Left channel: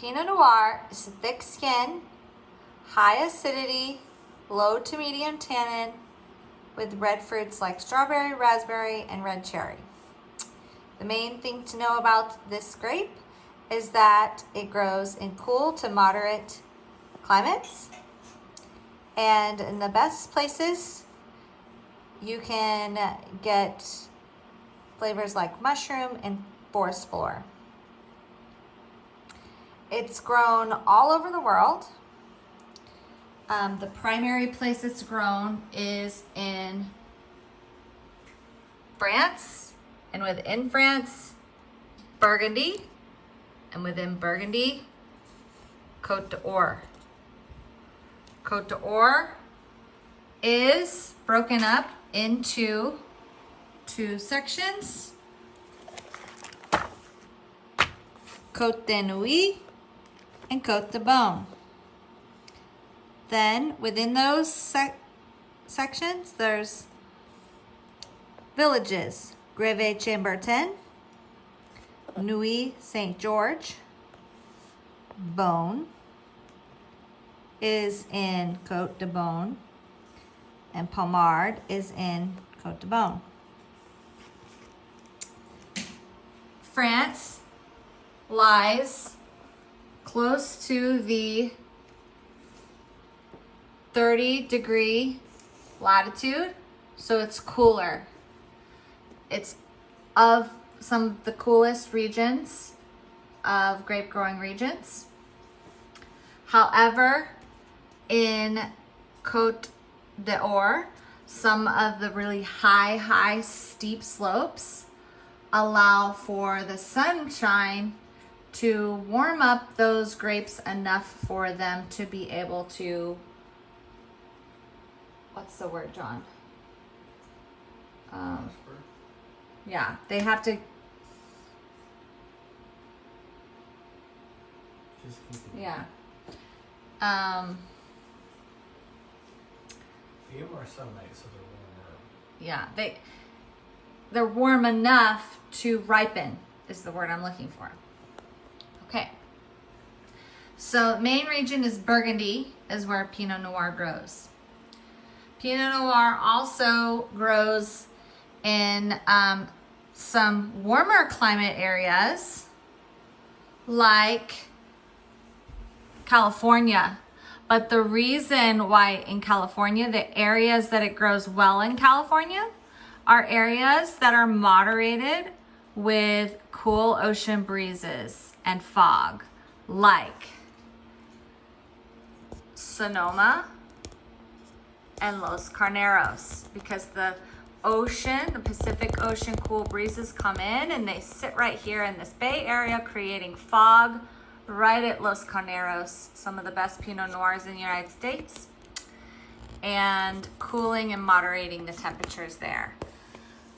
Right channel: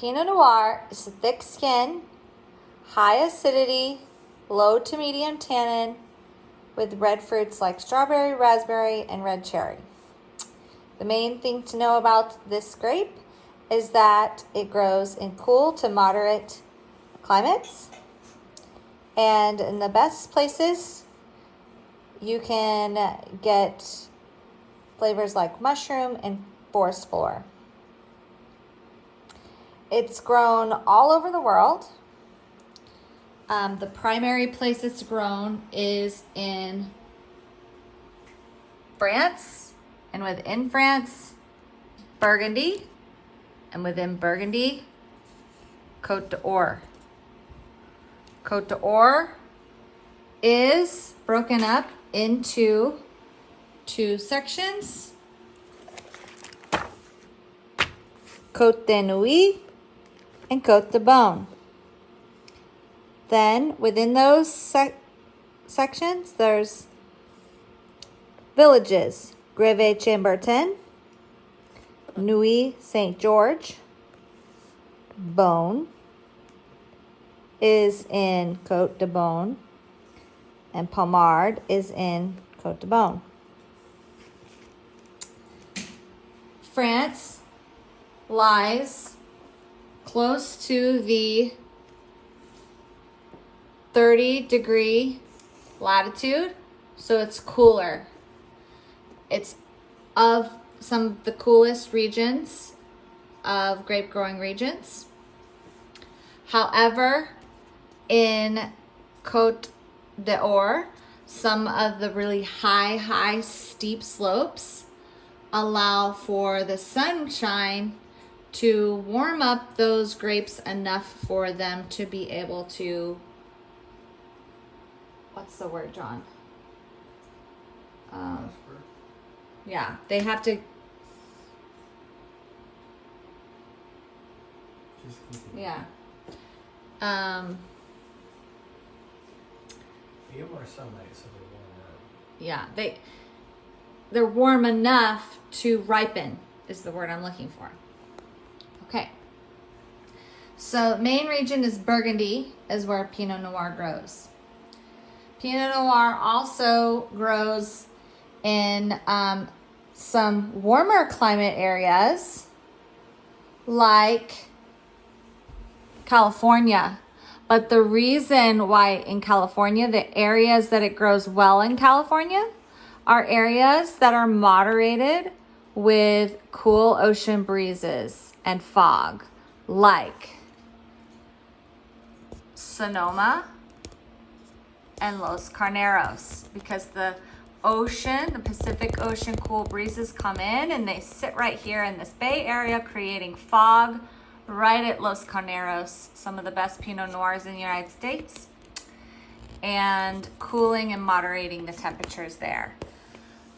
Pinot Noir is a thick skin, high acidity, low to medium tannin, with red fruits like strawberry, raspberry, and red cherry. The main thing to know about this grape is that it grows in cool to moderate climates. And in the best places, you can get flavors like mushroom and forest floor. It's grown all over the world. The primary place it's grown is in France, and within France, Burgundy, and within Burgundy, Côte d'Or. Côte d'Or is broken up into two sections. Côte de Nuit and Côte de Beaune. Then within those sections, there's villages: Greve-Chambertin, Nuit Saint George, Beaune is in Côte de Beaune, and Pommard is in Côte de Beaune. France lies close to the 30-degree latitude, so it's cooler. It's of some of the coolest regions of grape growing regions. However, in Côte d'Or, some of the really high steep slopes allow for the sunshine to warm up those grapes enough for them to be able to, what's the word, John? Yeah, they have to. Yeah. You are sunlight, so they're warmer. Yeah, they're warm enough to ripen is the word I'm looking for. Okay. So main region is Burgundy, is where Pinot Noir grows. Pinot Noir also grows in some warmer climate areas like California. But the reason why in California, the areas that it grows well in California are areas that are moderated with cool ocean breezes and fog, like Sonoma and Los Carneros, because the ocean, the Pacific Ocean cool breezes come in and they sit right here in this Bay Area, creating fog right at Los Carneros, some of the best Pinot Noirs in the United States, and cooling and moderating the temperatures there.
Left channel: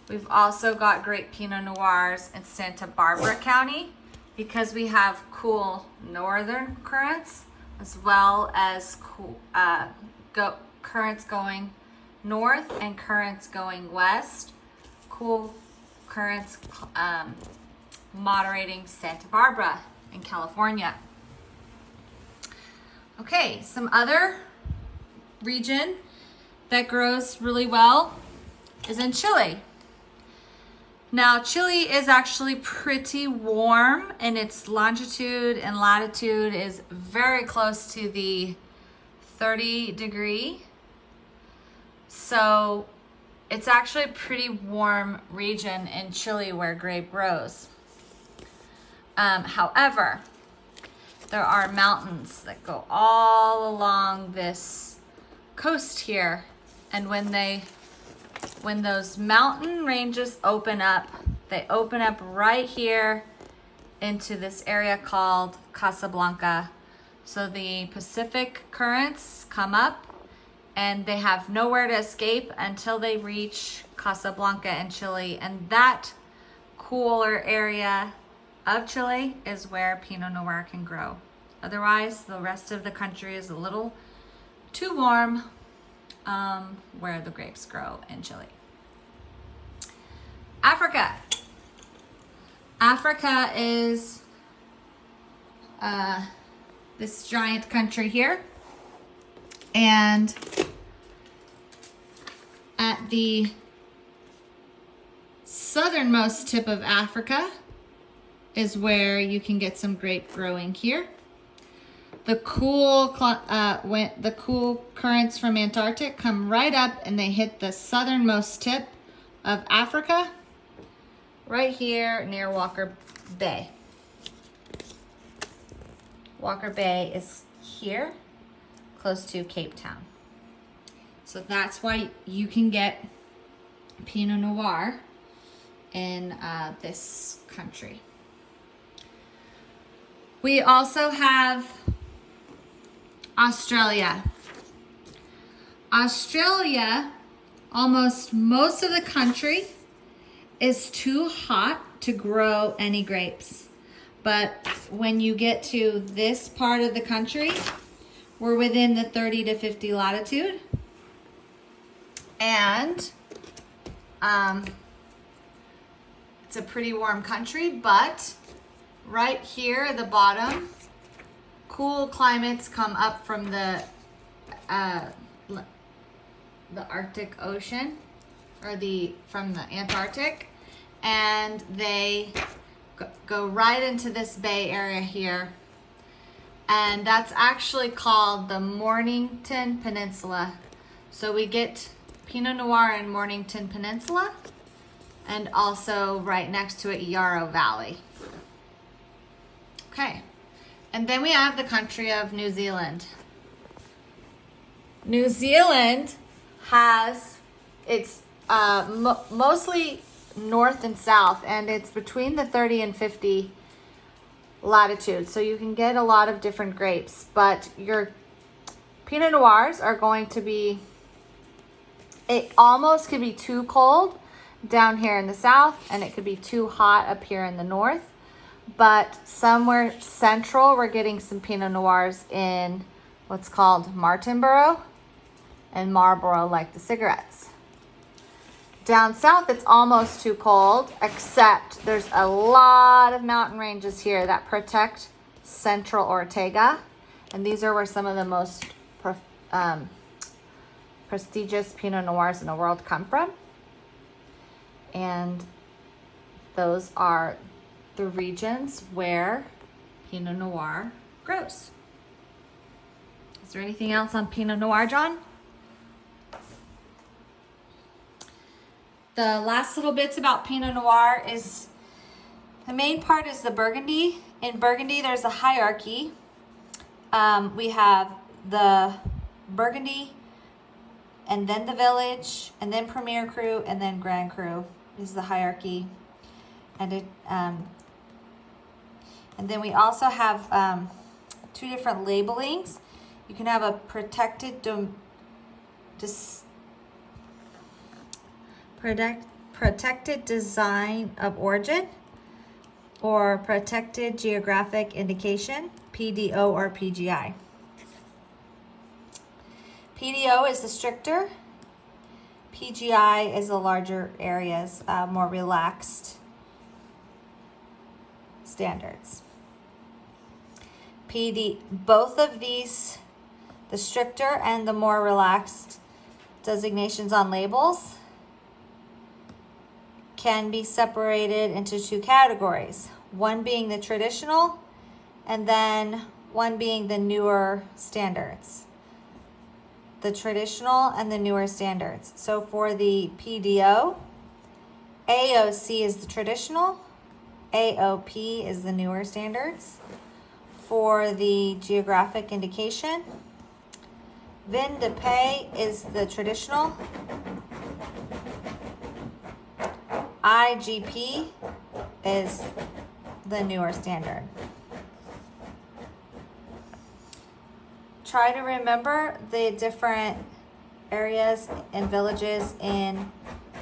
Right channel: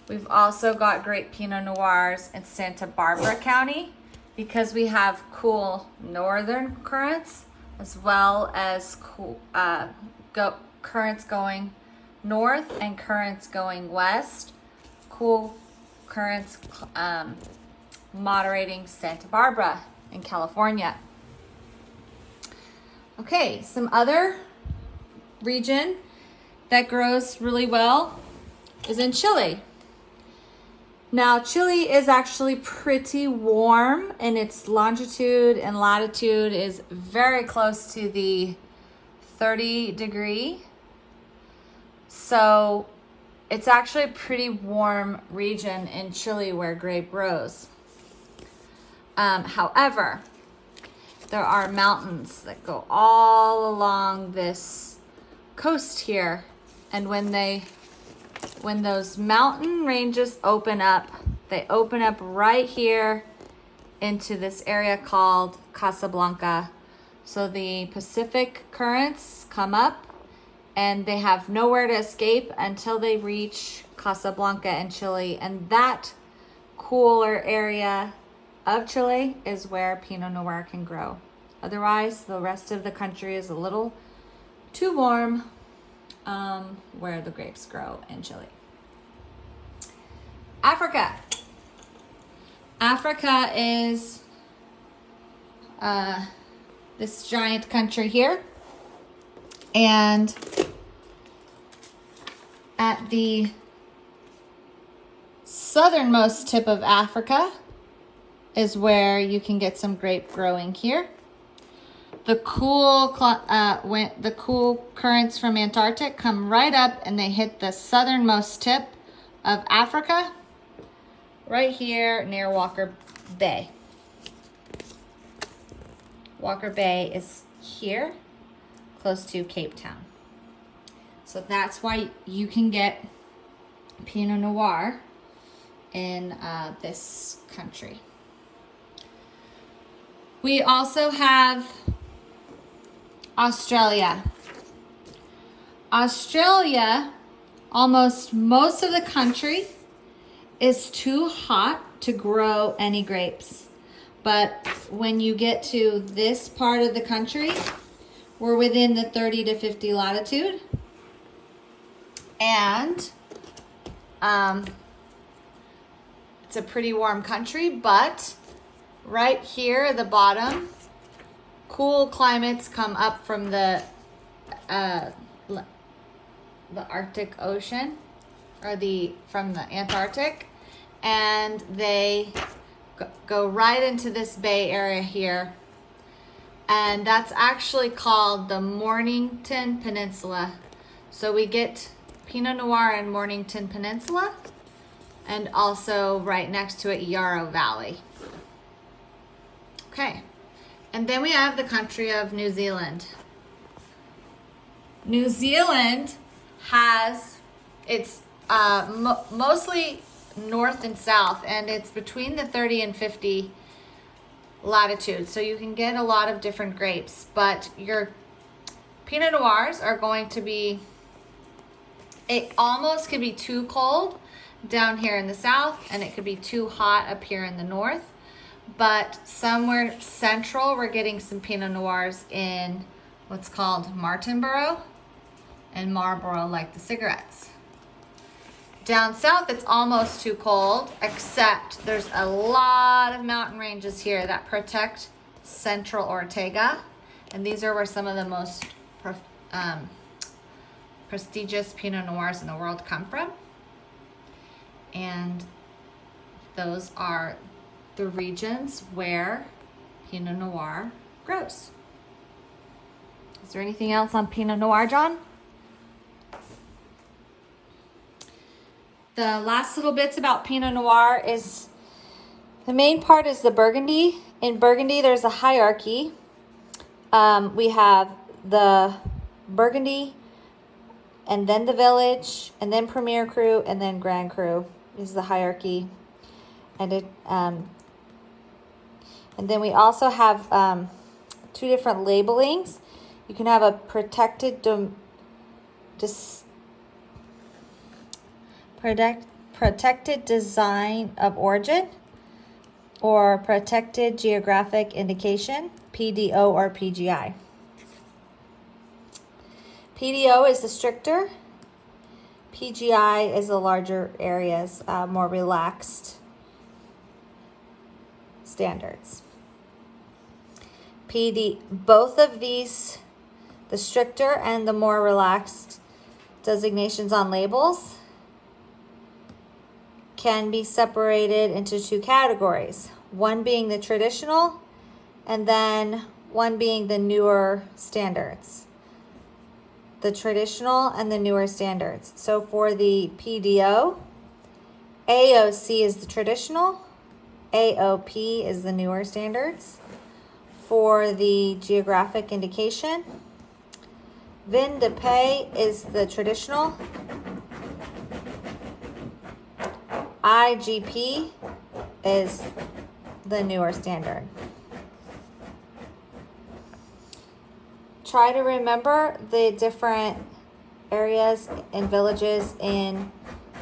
We've also got great Pinot Noirs in Santa Barbara County because we have cool northern currents as well as cool currents going north and currents going west. Cool currents moderating Santa Barbara in California. Okay, some other region that grows really well is in Chile. Now, Chile is actually pretty warm, and its longitude and latitude is very close to the 30-degree. So it's actually a pretty warm region in Chile where grape grows. However, there are mountains that go all along this coast here, and when those mountain ranges open up, they open up right here into this area called Casablanca. So the Pacific currents come up and they have nowhere to escape until they reach Casablanca in Chile, and that cooler area of Chile is where Pinot Noir can grow. Otherwise, the rest of the country is a little too warm where the grapes grow in Chile. Africa. Africa is this giant country here. And at the southernmost tip of Africa is where you can get some grape growing here. The cool currents from Antarctic come right up and they hit the southernmost tip of Africa, right here near Walker Bay. Walker Bay is here, close to Cape Town. So that's why you can get Pinot Noir in this country. We also have Australia. Australia, almost most of the country is too hot to grow any grapes. But when you get to this part of the country, we're within the 30 to 50 latitude. And it's a pretty warm country, but right here at the bottom, cool climates come up from the Arctic Ocean, or from the Antarctic, and they go right into this bay area here, and that's actually called the Mornington Peninsula. So we get Pinot Noir in Mornington Peninsula, and also right next to it, Yarra Valley. Okay, and then we have the country of New Zealand. New Zealand has, it's mostly north and south, and it's between the 30 and 50 latitude. So you can get a lot of different grapes, but your Pinot Noirs are going to be, it almost could be too cold down here in the south, and it could be too hot up here in the north. But somewhere central, we're getting some Pinot Noirs in what's called Martinborough and Marlborough, like the cigarettes. Down south, it's almost too cold, except there's a lot of mountain ranges here that protect central Ortega. And these are where some of the most prestigious Pinot Noirs in the world come from. And those are the regions where Pinot Noir grows. Is there anything else on Pinot Noir, John? The last little bits about Pinot Noir is, the main part is the Burgundy. In Burgundy, there's a hierarchy. We have the Burgundy, and then the Village, and then Premier Cru, and then Grand Cru is the hierarchy. And then we also have two different labelings. You can have a protected design of origin, or protected geographic indication, PDO or PGI. PDO is the stricter, PGI is the larger areas, more relaxed standards. Both of these, the stricter and the more relaxed designations on labels, can be separated into two categories. One being the traditional, and then one being the newer standards. The traditional and the newer standards. So for the PDO, AOC is the traditional, AOP is the newer standards. For the geographic indication, Vin de Paix is the traditional, IGP is the newer standard. Try to remember the different areas and villages in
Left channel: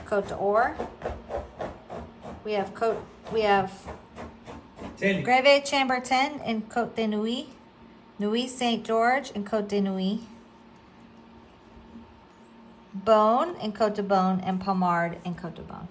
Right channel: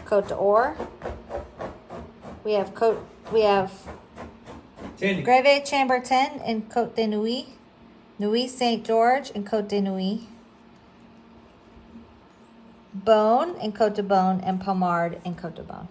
Côte d'Or. We have Greve Chambertin in Côte de Nuit, Nuit Saint George in Côte de Nuit, Beaune in Côte de Beaune, and Pommard in Côte de Beaune.